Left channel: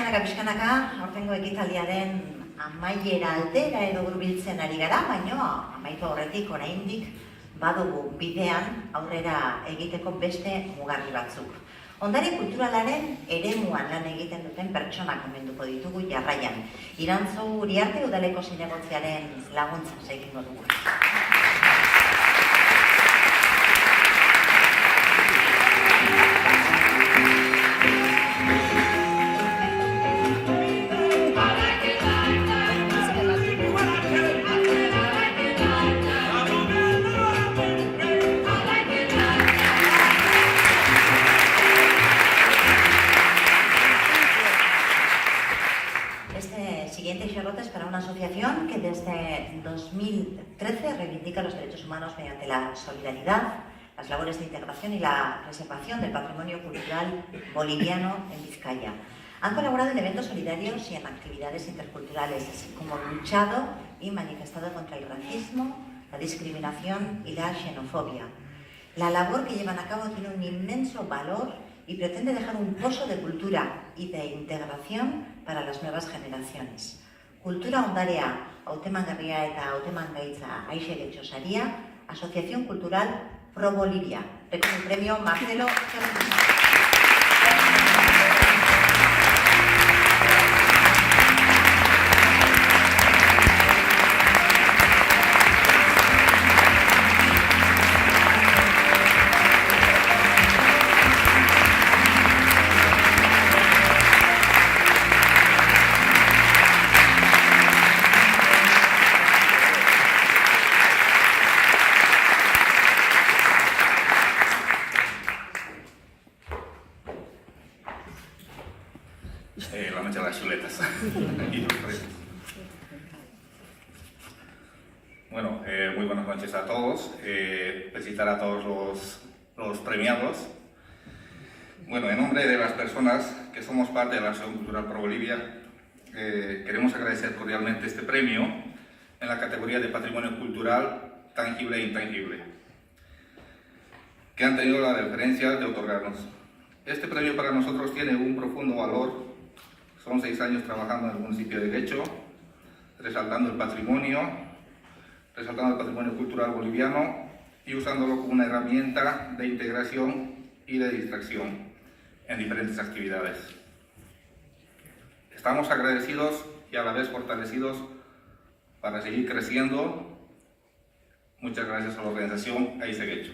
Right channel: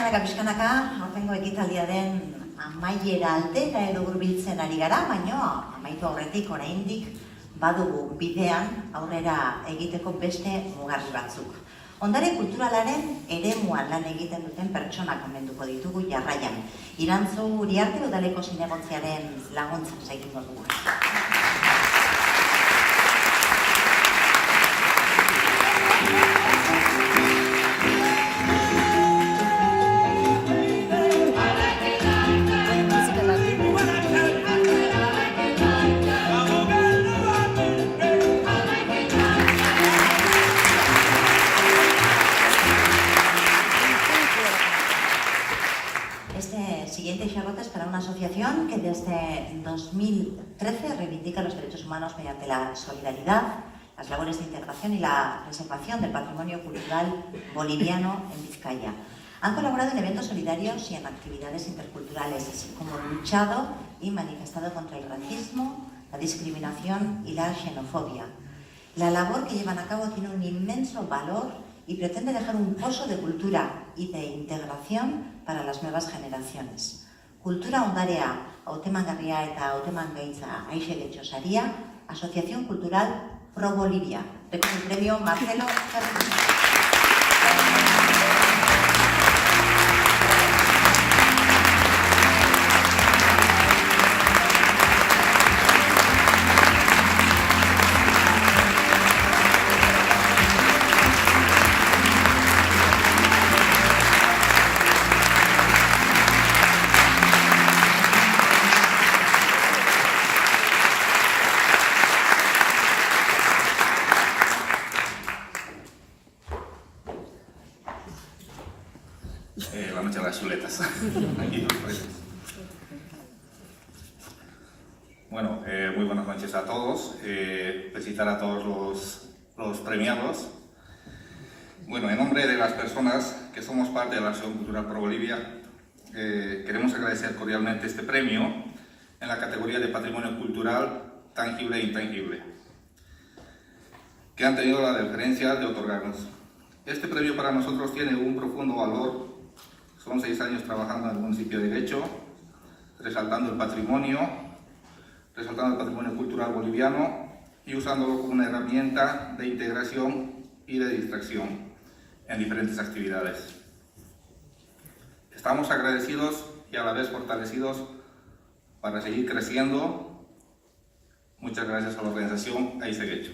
Pixkanaka, aurtengo ekitaldiaren amaiera aldera edo hurbiltzen ari gara, baina amaitu aurretik oraindik badugu bidean aurrera egiteko beste mugarri batzuk. Ondare kulturalaren eremuan lan egiten duten pertsonak omenduko ditugu jarraian. Irantzu Uriarte Udaleko Zinegontziaren laguntza egingo dugu. Siguiente Charlotte es para una asociación que desde 2013 reivindica los derechos humanos mediante la solidaridad, las labores de integración y la preservación del patrimonio cultural boliviano en Vizcaya. Han colaborado en eventos solidarios y en actividades interculturales, así como luchado y manifestado contra el racismo, la discriminación y la xenofobia. La labor que llevan a cabo tiene un inmenso valor y pretende dejar un pozo de cultura y de integración para las nuevas generaciones. Kultura ondarea hautemangarria eta hautemangaitza Aixe Getxosaria, Asociación Cultural Pro Bolivia. Con el premio Marcelo Carlos. La noche de las chuletas. Bueno, muy buenas noches a todos. Felicitar a todos los premiados. Bueno, en nombre de las personas que somos parte de la Asociación Cultural Pro Bolivia, queremos agradecer cordialmente este premio en la categoría de Patrimonio Cultural Tangible e Intangible, que han tenido la deferencia de otorgarnos. Este premio para nosotros tiene un profundo valor. Son 6 años trabajando en el municipio de Guecho, resaltando el patrimonio cultural boliviano y usándolo como una herramienta de integración y de distracción en diferentes actividades. Estamos agradecidos y a la vez fortalecidos para seguir creciendo. Muchas gracias a la organización Aixe Getxo.